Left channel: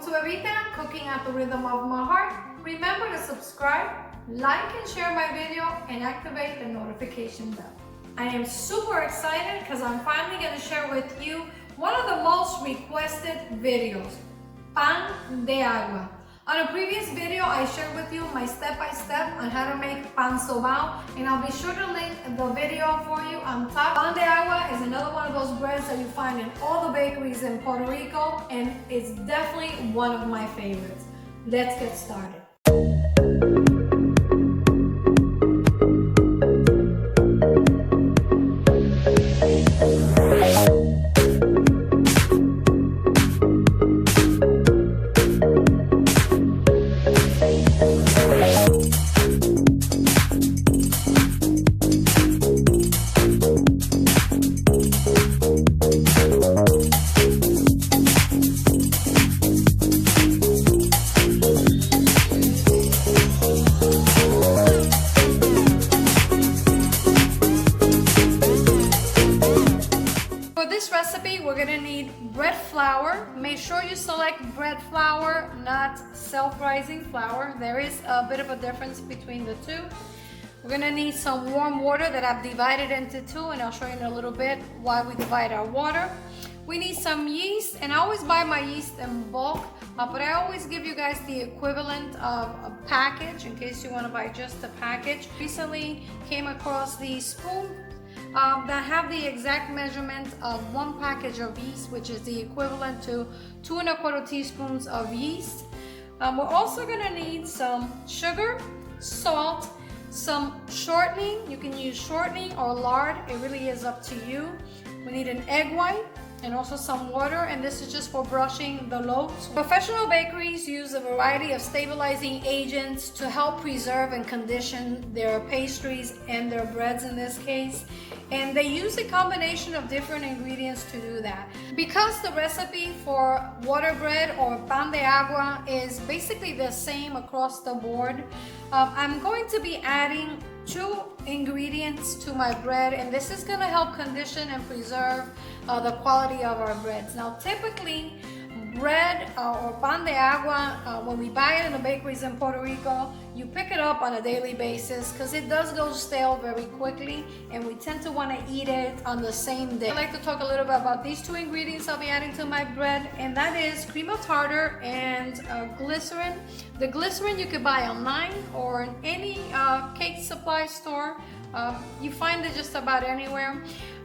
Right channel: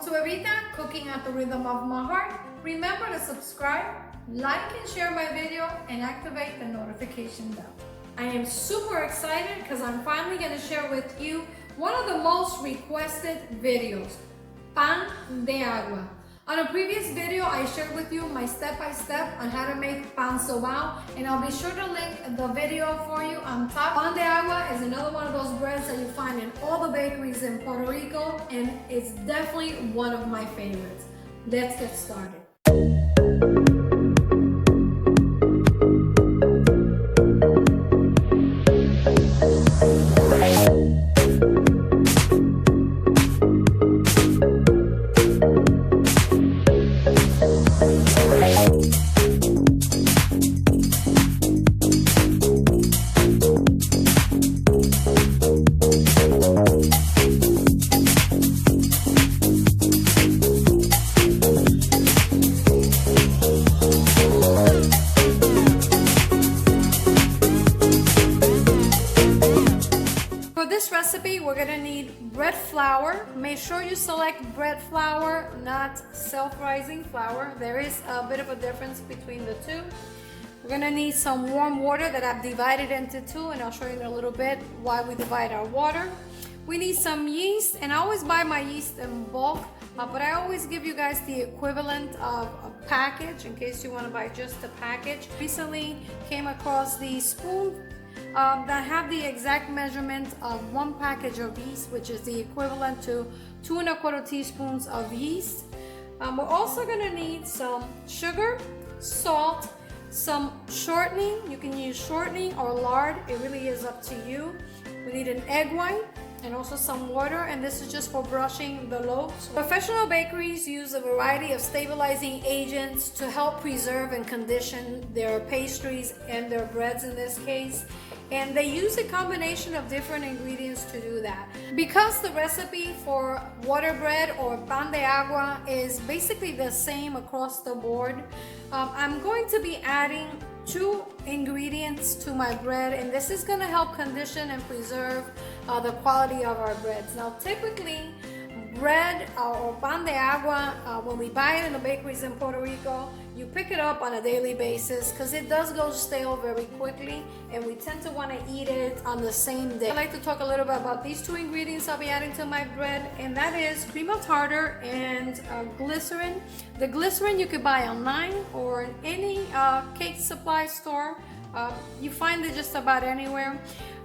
Welcome to Evita, cooking at the rhythm of my heart. Remember to subscribe, like and share my video, and activate the notification bell. I am super excited because I'm finally going to share with you one of the most requested videos, pan de agua. On a previous video, I shared with you my step-by-step on how to make pan sobao, and I'll be sure to link the video for you on top. Pan de agua is another one of those breads that you find in all the bakeries in Puerto Rico, and it's definitely one of my favorites. Let's get started. Recipe, we're gonna need bread flour. Make sure you select bread flour, not self-rising flour. There is a bit of a difference between the two. We're gonna need some warm water that I've divided into two, and I'll show you in a little bit why we divide our water. We need some yeast, and I always buy my yeast in bulk, but I always give you guys the equivalent of a package in case you want to buy just a package. Recently came across these spoons that have the exact measurement of one package of yeast, which is the equivalent to 2 1/4 teaspoons of yeast. We're also going to need some sugar, salt, some shortening. You can use shortening or lard, it really is up to you. We need an egg white and also some water, and this is just for brushing the loaves. Professional bakeries use a variety of stabilizing agents to help preserve and condition their pastries and their breads in this case, and they use a combination of different ingredients to do that. Because the recipe for water bread or pan de agua is basically the same across the board, I'm going to be adding 2 ingredients to my bread, and this is going to help condition and preserve the quality of our breads. Now typically bread or pan de agua, when we buy it in the bakeries in Puerto Rico, you pick it up on a daily basis because it does go stale very quickly, and we tend to want to eat it on the same day. I'd like to talk a little bit about these 2 ingredients I'll be adding to my bread, and that is cream of tartar and glycerin. The glycerin you could buy online or in any cake supply store. You find it just about anywhere.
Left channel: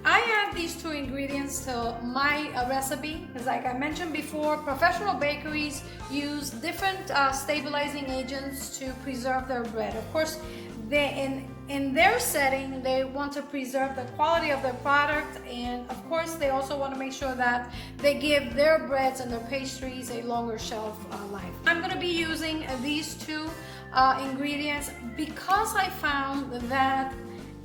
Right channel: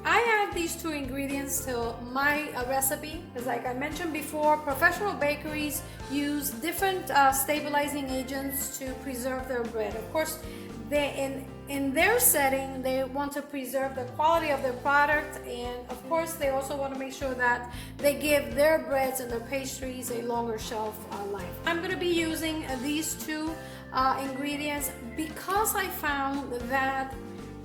I add these 2 ingredients to my recipe because, like I mentioned before, professional bakeries use different stabilizing agents to preserve their bread. Of course, in their setting, they want to preserve the quality of their product, and of course, they also want to make sure that they give their breads and their pastries a longer shelf life. I'm going to be using these 2 ingredients because I found that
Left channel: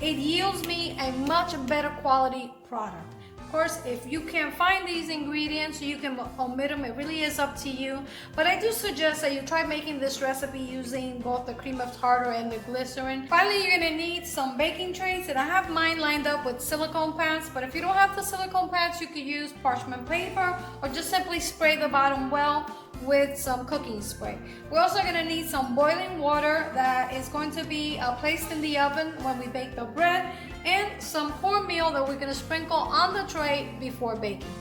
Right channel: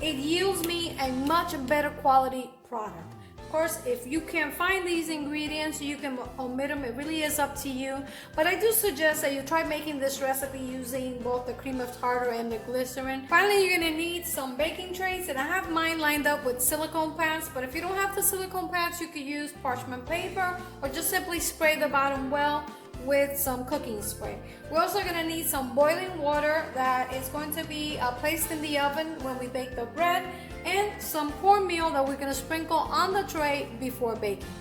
it yields me a much better quality product. Of course, if you can't find these ingredients, you can omit them. It really is up to you. But I do suggest that you try making this recipe using both the cream of tartar and the glycerin. Finally, you're gonna need some baking trays, and I have mine lined up with silicone pads, but if you don't have the silicone pads, you could use parchment paper or just simply spray the bottom well with some cooking spray. We're also going to need some boiling water that is going to be placed in the oven when we bake the bread, and some cornmeal that we're going to sprinkle on the tray before baking.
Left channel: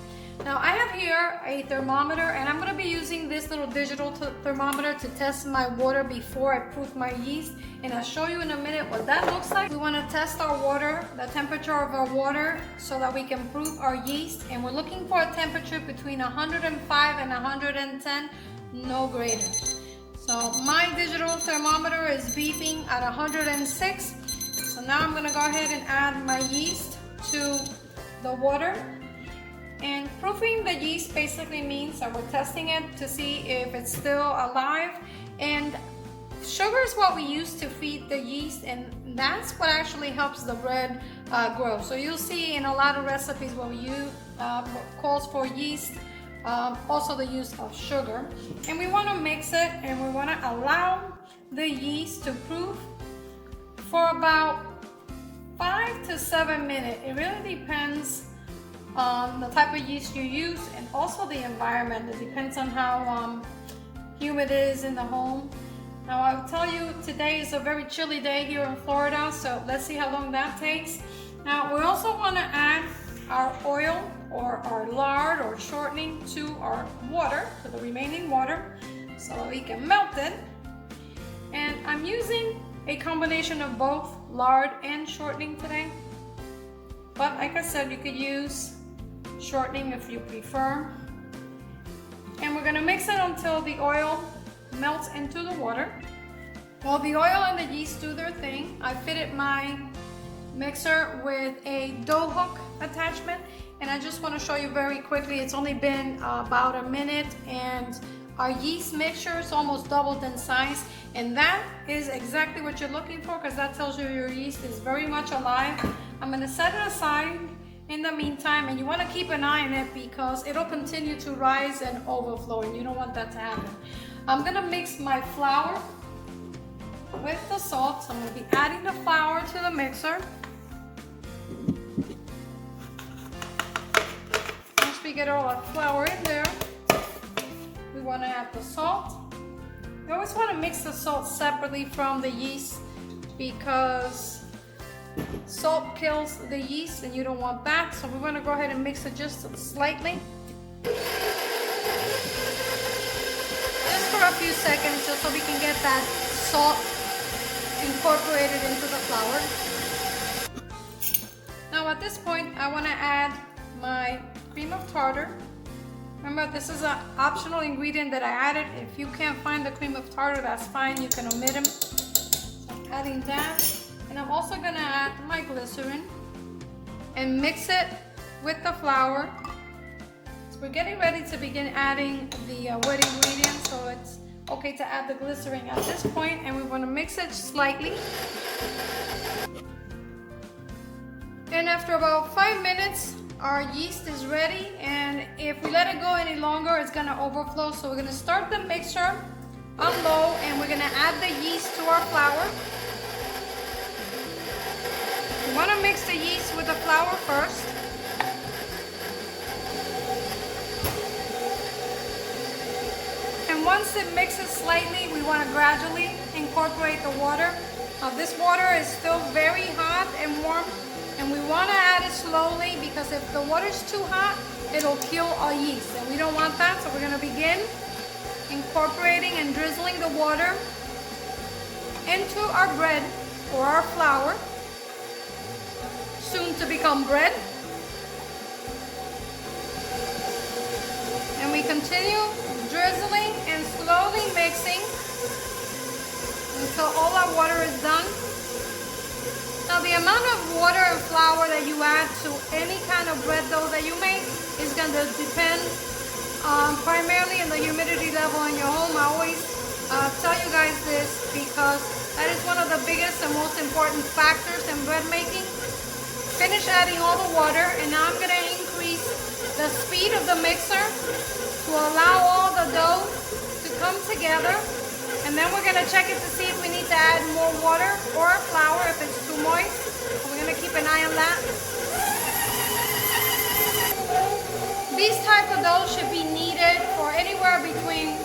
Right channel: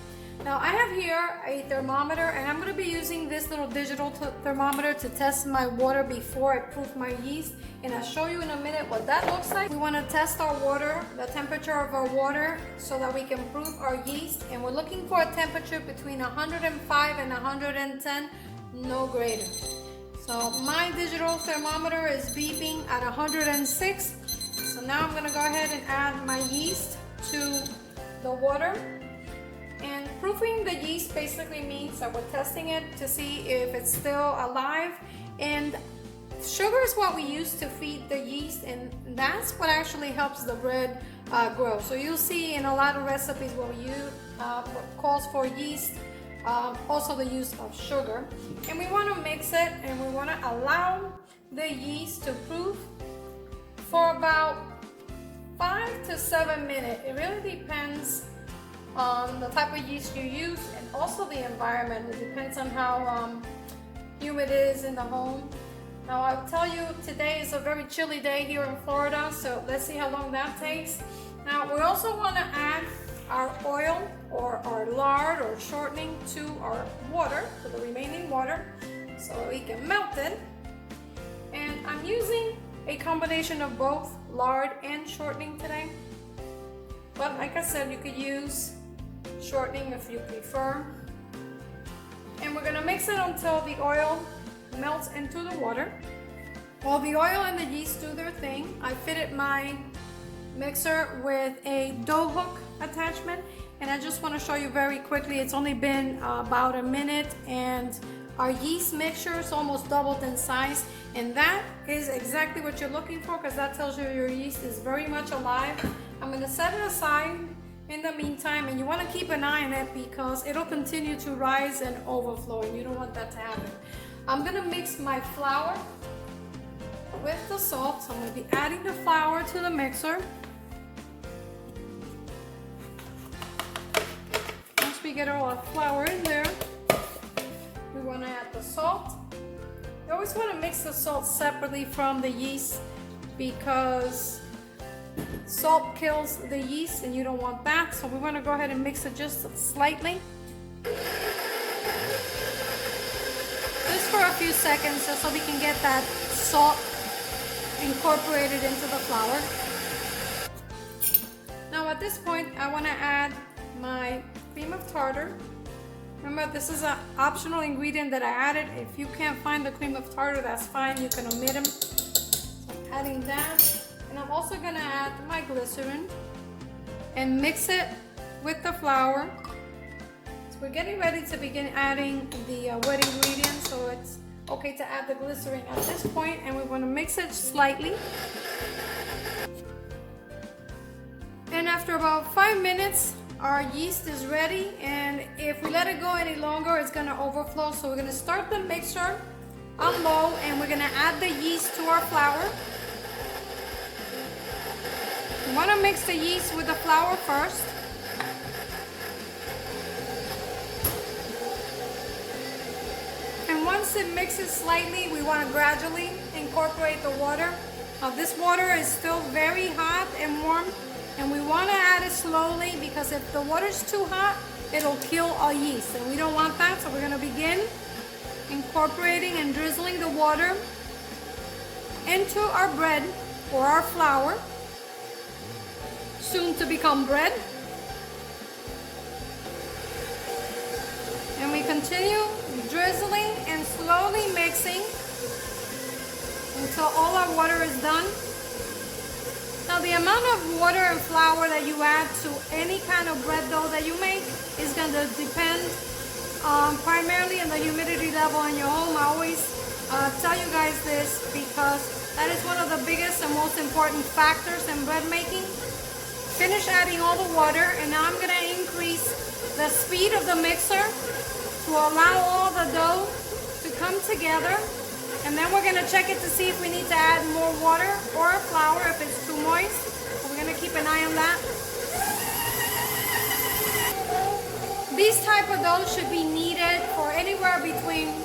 Now I have here a thermometer, and I'm going to be using this little digital thermometer to test my water before I proof my yeast, and I'll show you in a minute what that looks like. We want to test our water, the temperature of our water, so that we can proof our yeast, and we're looking for a temperature between 105 and 110, no greater. So my digital thermometer is beeping at 106. So now I'm going to go ahead and add my yeast to the water. And proofing the yeast basically means that we're testing it to see if it's still alive. And sugar is what we use to feed the yeast, and that's what actually helps the bread grow. So you'll see in a lot of recipes when we use what calls for yeast, also the use of sugar. And we want to mix it, and we want to allow the yeast to proof for about 5 to 7 minutes. It really depends on the type of yeast you use and also the environment. It depends on how humid it is in the home. Now I'll tell you, today is a very chilly day here in Florida, so let's see how long that takes. Now we also want to add our oil or our lard or shortening to our water, to the remaining water, so we can melt it. And I'm using a combination of both lard and shortening today. But like I said, you could use shortening if you prefer. And we're gonna mix it until the oil melts into the water. While the oil and the yeast do their thing, I fitted my mixer with a dough hook attachment, and I just want to show you very quickly. It's only been about a minute, and our yeast mixture is almost doubled in size, and that is exactly what you're looking for, because that tells you your yeast is very much alive. I'm going to set it aside in the meantime, and you want to keep an eye on it because it'll continue to rise and overflow, and you don't want that to happen. I'm going to mix my flour with the salt. So I'm going to be adding the flour to the mixer. Once we get all the flour in there, we want to add the salt. You always want to mix the salt separately from the yeast because salt kills the yeast and you don't want that. So we want to go ahead and mix it just slightly. Just for a few seconds, just so we can get that salt incorporated into the flour. Now at this point, I want to add my cream of tartar. Remember, this is an optional ingredient that I added. If you can't find the cream of tartar, that's fine. You can omit them. So I'm adding that. And I'm also going to add my glycerin and mix it with the flour. So we're getting ready to begin adding the wet ingredients. So it's okay to add the glycerin at this point, and we want to mix it slightly. And after about 5 minutes, our yeast is ready, and if we let it go any longer, it's going to overflow. So we're going to start the mixture on low, and we're going to add the yeast to our flour. You want to mix the yeast with the flour first. And once it mixes slightly, we want to gradually incorporate the water. This water is still very hot and warm, and we want to add it slowly because if the water is too hot, it'll kill our yeast, and we don't want that. So we're going to begin incorporating and drizzling the water into our bread or our flour, soon to become bread. And we continue drizzling and slowly mixing until all our water is done. Now the amount of water and flour that you add to any kind of bread dough that you make is going to depend primarily on the humidity level in your home. I always tell you guys this because that is one of the biggest and most important factors in bread making. Finish adding all the water, and now I'm going to increase the speed of the mixer to allow all the dough to come together. And then we're going to check it to see if we need to add more water or flour if it's too moist. So we're going to keep an eye on that. These type of doughs should be kneaded for anywhere between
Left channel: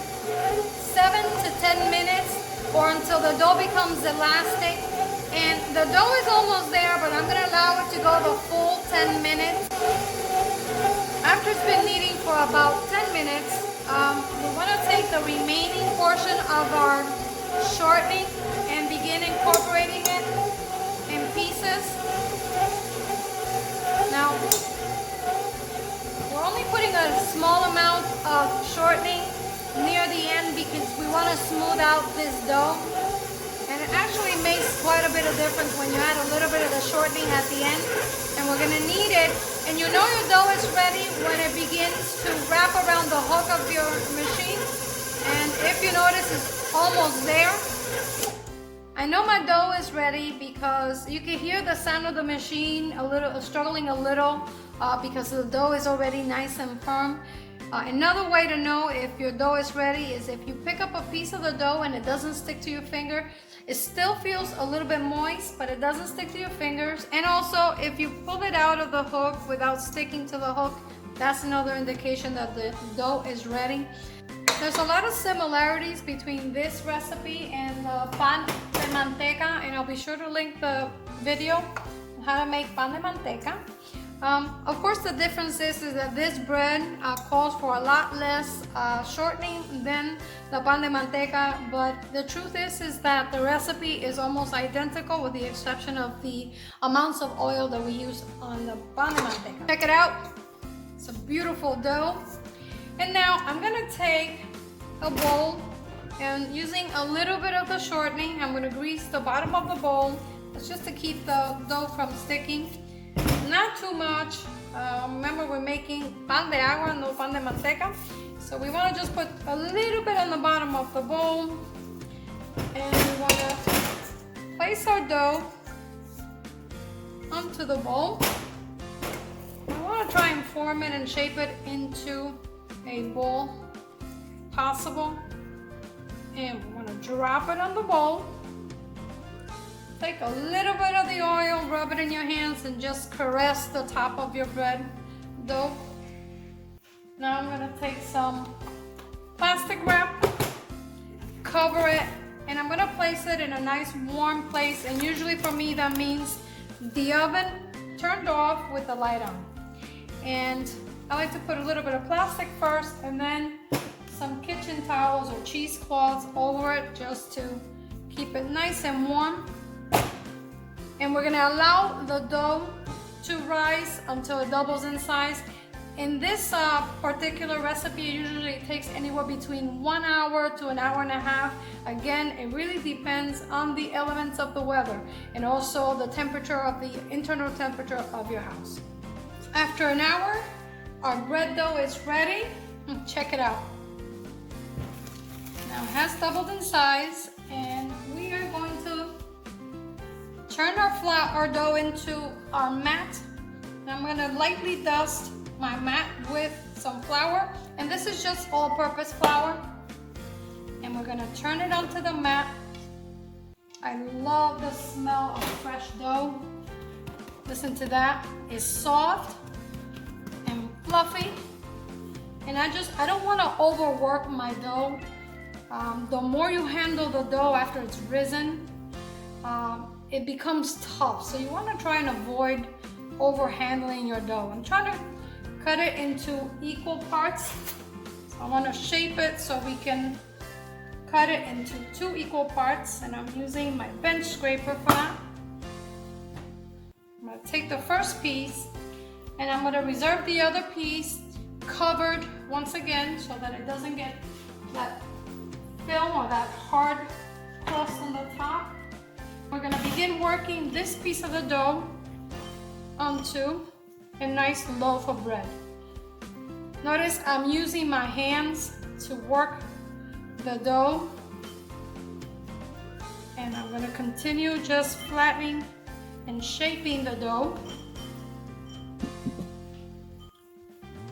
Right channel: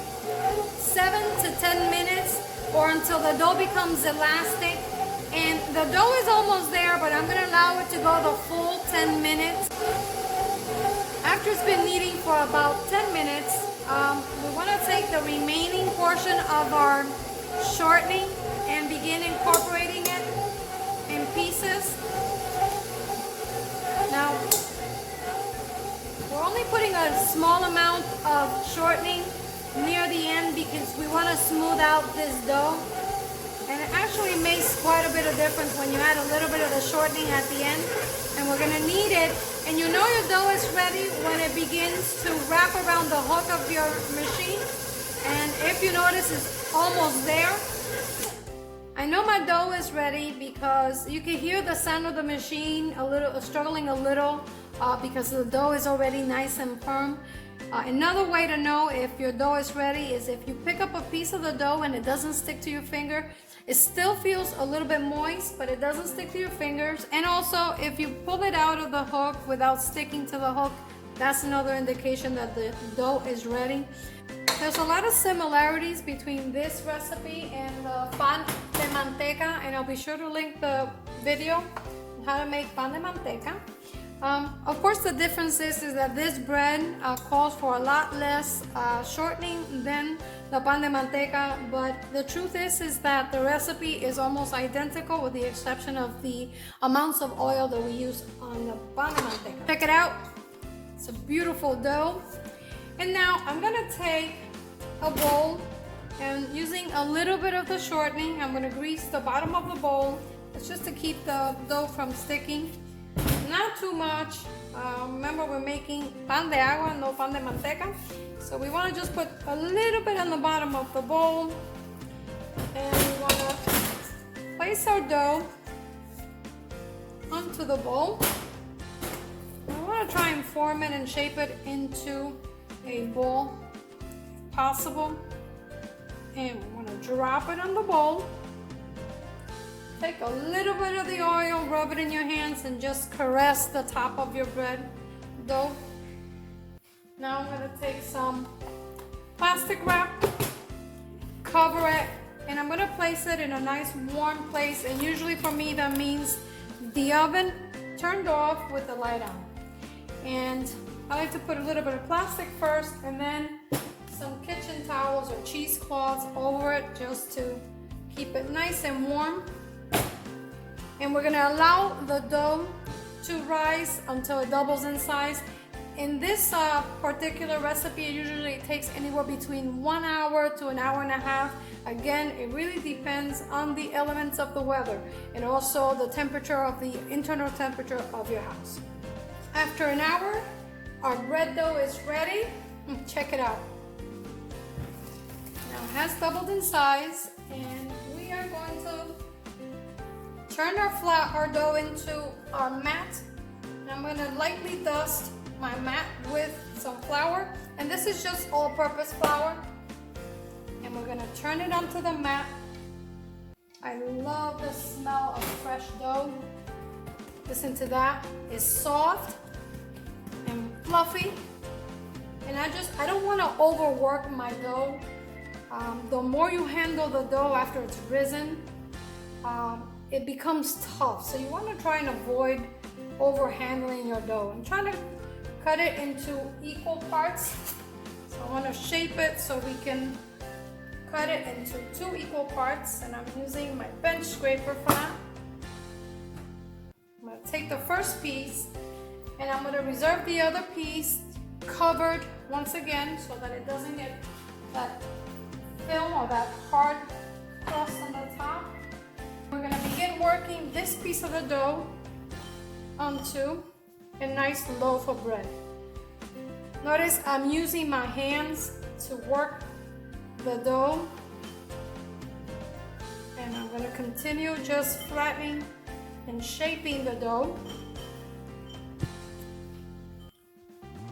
7 to 10 minutes or until the dough becomes elastic. And the dough is almost there, but I'm going to allow it to go the full 10 minutes. After it's been kneading for about 10 minutes, we want to take the remaining portion of our shortening and begin incorporating it in pieces. Now, we're only putting a small amount of shortening near the end because we want to smooth out this dough. And it actually makes quite a bit of difference when you add a little bit of the shortening at the end. And we're going to knead it. And you know your dough is ready when it begins to wrap around the hook of your machine. And if you notice, it's almost there. I know my dough is ready because you can hear the sound of the machine struggling a little because the dough is already nice and firm. Another way to know if your dough is ready is if you pick up a piece of the dough and it doesn't stick to your finger. It still feels a little bit moist, but it doesn't stick to your fingers. And also, if you pull it out of the hook without sticking to the hook, that's another indication that the dough is ready. There's a lot of similarities between this recipe and the pan de manteca, and I'll be sure to link the video on how to make pan de manteca. Of course, the difference is that this bread calls for a lot less shortening than the pan de manteca, but the truth is that the recipe is almost identical with the exception of the amounts of oil that we use on the pan de manteca. Check it out. It's a beautiful dough. And now I'm gonna take a bowl, and using a little bit of the shortening, I'm gonna grease the bottom of the bowl. It's just to keep the dough from sticking. Not too much. Remember, we're making pan de agua, no pan de manteca. So we wanna just put a little bit on the bottom of the bowl. And we wanna place our dough onto the bowl. We wanna try and form it and shape it into a bowl possible, and we want to drop it on the bowl. Take a little bit of the oil, rub it in your hands, and just caress the top of your bread dough. Now I'm going to take some plastic wrap, cover it, and I'm going to place it in a nice warm place, and usually for me that means the oven turned off with the light on. And I like to put a little bit of plastic first, and then some kitchen towels or cheesecloths over it just to keep it nice and warm. And we're gonna allow the dough to rise until it doubles in size. In this particular recipe, it usually takes anywhere between 1 hour to an hour and a half. Again, it really depends on the elements of the weather and also the temperature of the internal temperature of your house. After an hour, our bread dough is ready. Check it out. Now it has doubled in size, and we are going to turn our dough into our mat. And I'm going to lightly dust my mat with some flour, and this is just all-purpose flour. And we're going to turn it onto the mat. I love the smell of fresh dough. Listen to that. It's soft and fluffy, and I don't want to overwork my dough. The more you handle the dough after it's risen, it becomes tough, so you want to try and avoid over handling your dough. I'm trying to cut it into equal parts, so I want to shape it so we can cut it into 2 equal parts, and I'm using my bench scraper for that. I'm going to take the first piece, and I'm going to reserve the other piece covered once again so that it doesn't get that film or that hard crust on the top. We're going to begin working this piece of the dough onto a nice loaf of bread. Notice I'm using my hands to work the dough, and I'm going to continue just flattening and shaping the dough.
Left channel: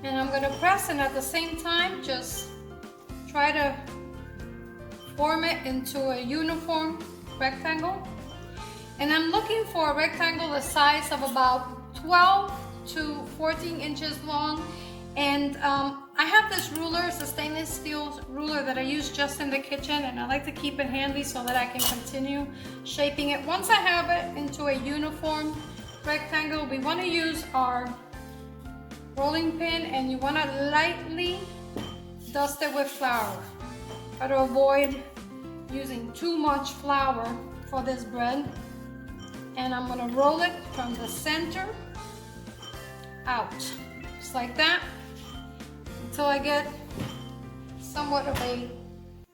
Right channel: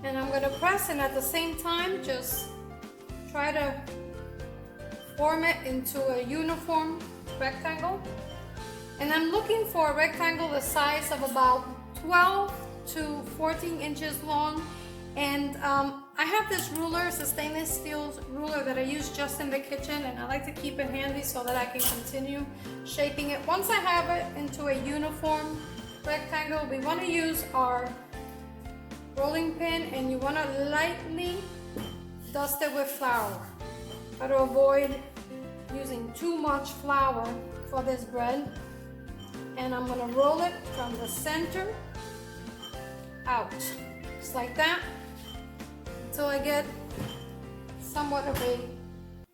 And I'm going to press, and at the same time just try to form it into a uniform rectangle. And I'm looking for a rectangle the size of about 12 to 14 inches long. And I have this ruler, it's a stainless steel ruler that I use just in the kitchen, and I like to keep it handy so that I can continue shaping it. Once I have it into a uniform rectangle, we want to use our rolling pin, and you want to lightly dust it with flour. Try to avoid using too much flour for this bread. And I'm going to roll it from the center out, just like that, until I get somewhat of a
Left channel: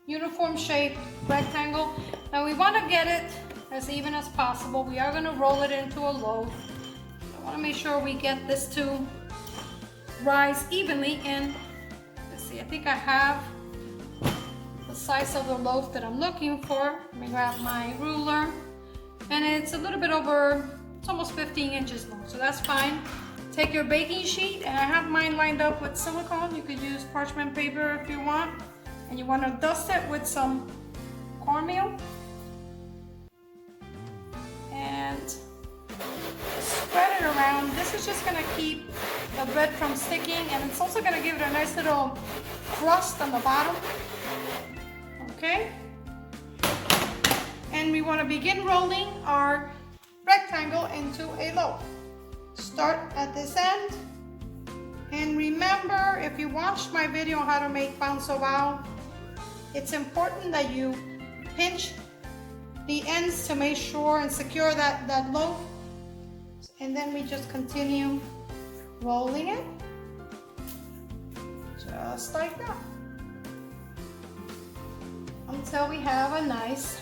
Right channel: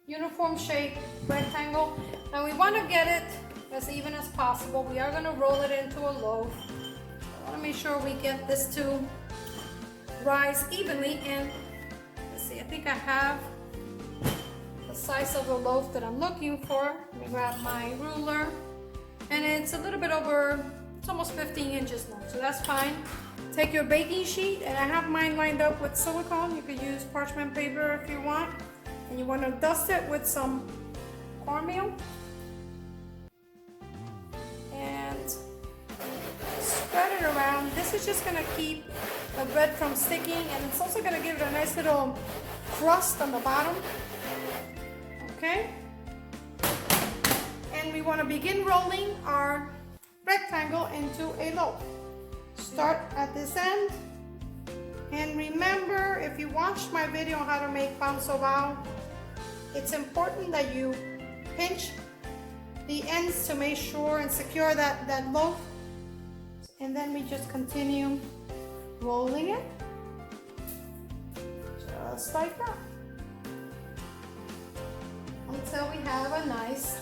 uniform shape rectangle. Now we want to get it as even as possible. We are going to roll it into a loaf. I want to make sure we get this to rise evenly. And let's see, I think I have the size of the loaf that I'm looking for. Let me grab my ruler, and it's a little bit over, it's almost 15 inches long, so that's fine. Take your baking sheet, and I have mine lined up with silicone. You could use parchment paper if you want, and you want to dust it with some cornmeal and spread it around. This is just going to keep the bread from sticking, and it's also going to give it a nice little crust on the bottom. Okay? And we want to begin rolling our rectangle into a loaf. Start at this end. And remember, if you watched my video on how to make pan sobao, it's important that you pinch the ends to make sure and secure that loaf. And then we just continue rolling it, just like that, until we have a nice,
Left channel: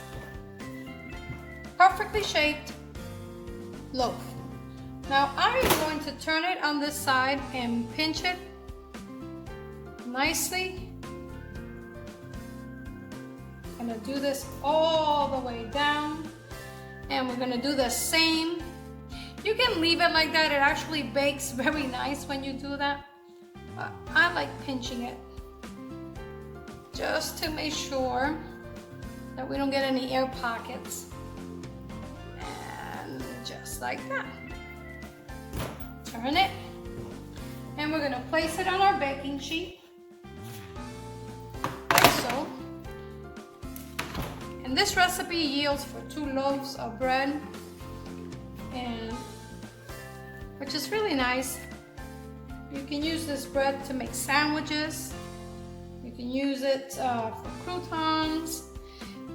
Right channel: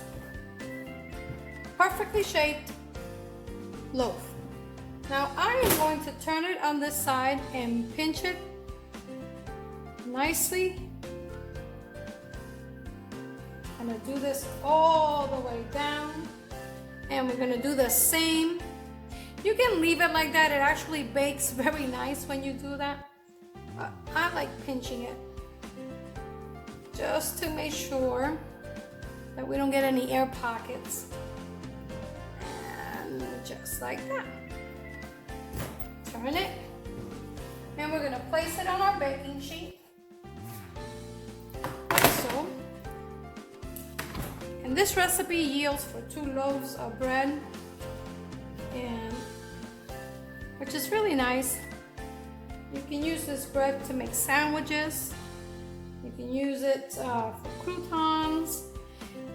perfectly shaped loaf. Now I am going to turn it on this side and pinch it nicely. I'm gonna do this all the way down, and we're gonna do the same. You can leave it like that. It actually bakes very nice when you do that. I like pinching it just to make sure that we don't get any air pockets. And just like that. Turn it. And we're gonna place it on our baking sheet, like so. And this recipe yields for 2 loaves of bread, and which is really nice. You can use this bread to make sandwiches. You can use it for croutons.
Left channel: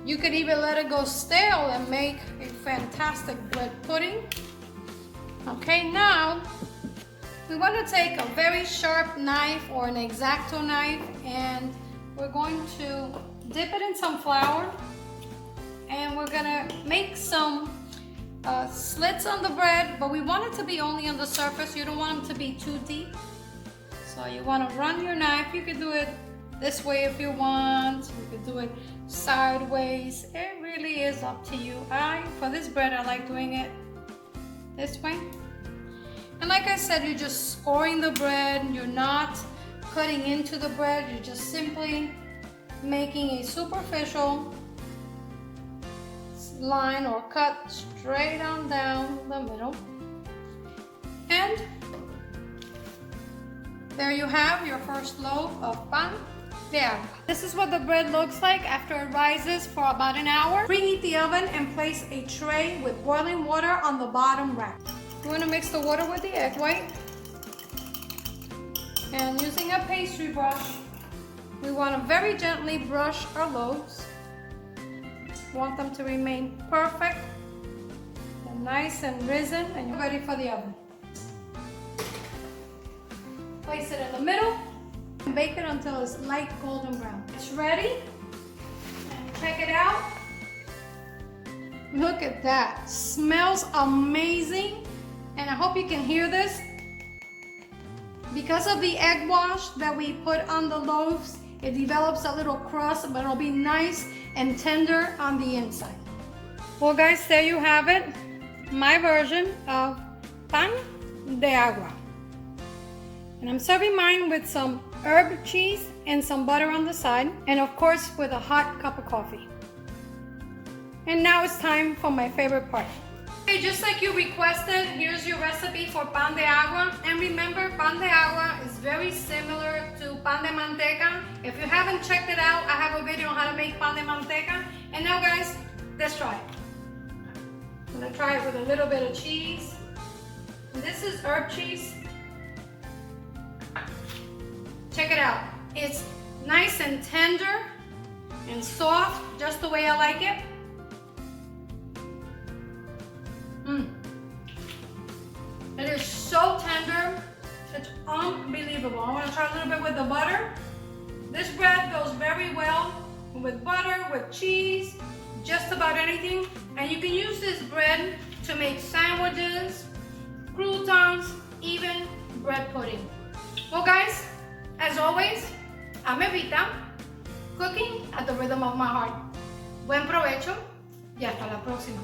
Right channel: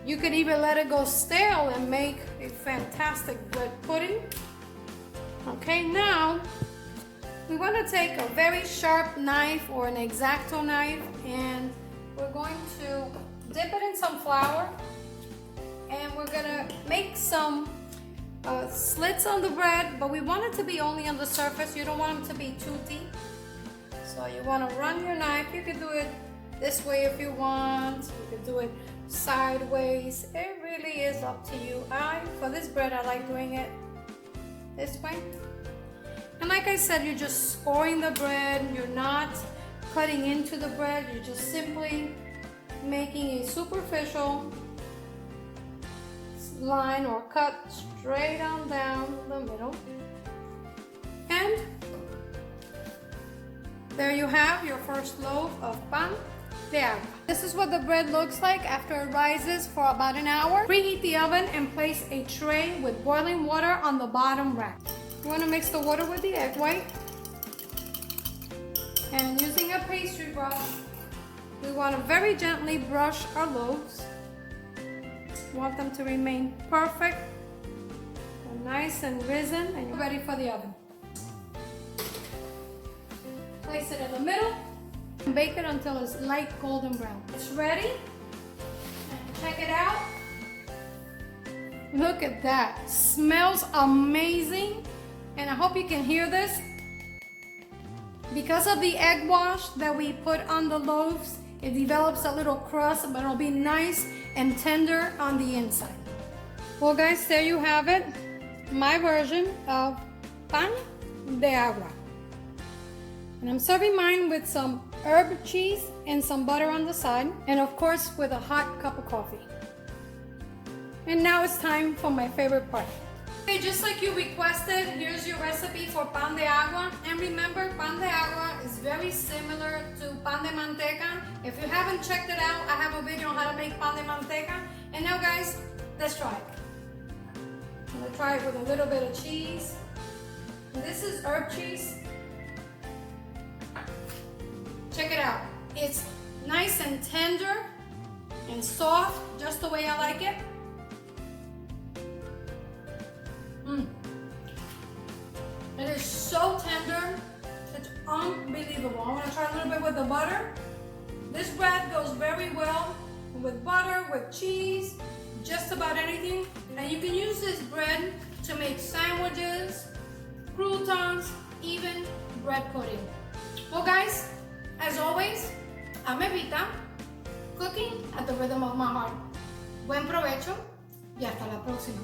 You could even let it go stale and make a fantastic bread pudding. Okay, now we want to take a very sharp knife or an X-Acto knife, and we're going to dip it in some flour, and we're gonna make some slits on the bread, but we want it to be only on the surface. You don't want them to be too deep. So you want to run your knife. You could do it this way if you want. You could do it sideways. It really is up to you. For this bread, I like doing it this way. And like I said, you're just scoring the bread. You're not cutting into the bread. You're just simply making a superficial line or cut straight on down the middle. And there you have your first loaf of pan de agua. This is what the bread looks like after it rises for about an hour. Preheat the oven and place a tray with boiling water on the bottom rack. We're going to mix the water with the egg white. And using a pastry brush, we want to very gently brush our loaves. Want them to remain perfect and nice and risen, and you're ready for the oven. Place it in the middle and bake it until it's light golden brown. It's ready. And check it out. Look at that. Smells amazing. And I hope you can hear this. Because of the egg wash that we put on the loaves, it develops a little crust, but it'll be nice and tender on the inside. Well guys, there you have it. My version of pan de agua. And I'm serving mine with some herb cheese and some butter on the side. And of course with a hot cup of coffee. And now it's time for my favorite part. Okay, just like you requested, here's your recipe for pan de agua. And remember, pan de agua is very similar to pan de manteca. If you haven't checked it out, I have a video on how to make pan de manteca. And now guys, let's try it. I'm gonna try it with a little bit of cheese. And this is herb cheese. Check it out. It's nice and tender and soft, just the way I like it. It is so tender, it's unbelievable. I want to try a little bit with the butter. This bread goes very well with butter, with cheese, just about anything. And you can use this bread to make sandwiches, croutons, even bread pudding. Well guys, as always, I'm Evita, cooking at the rhythm of my heart. Buen provecho y hasta la próxima.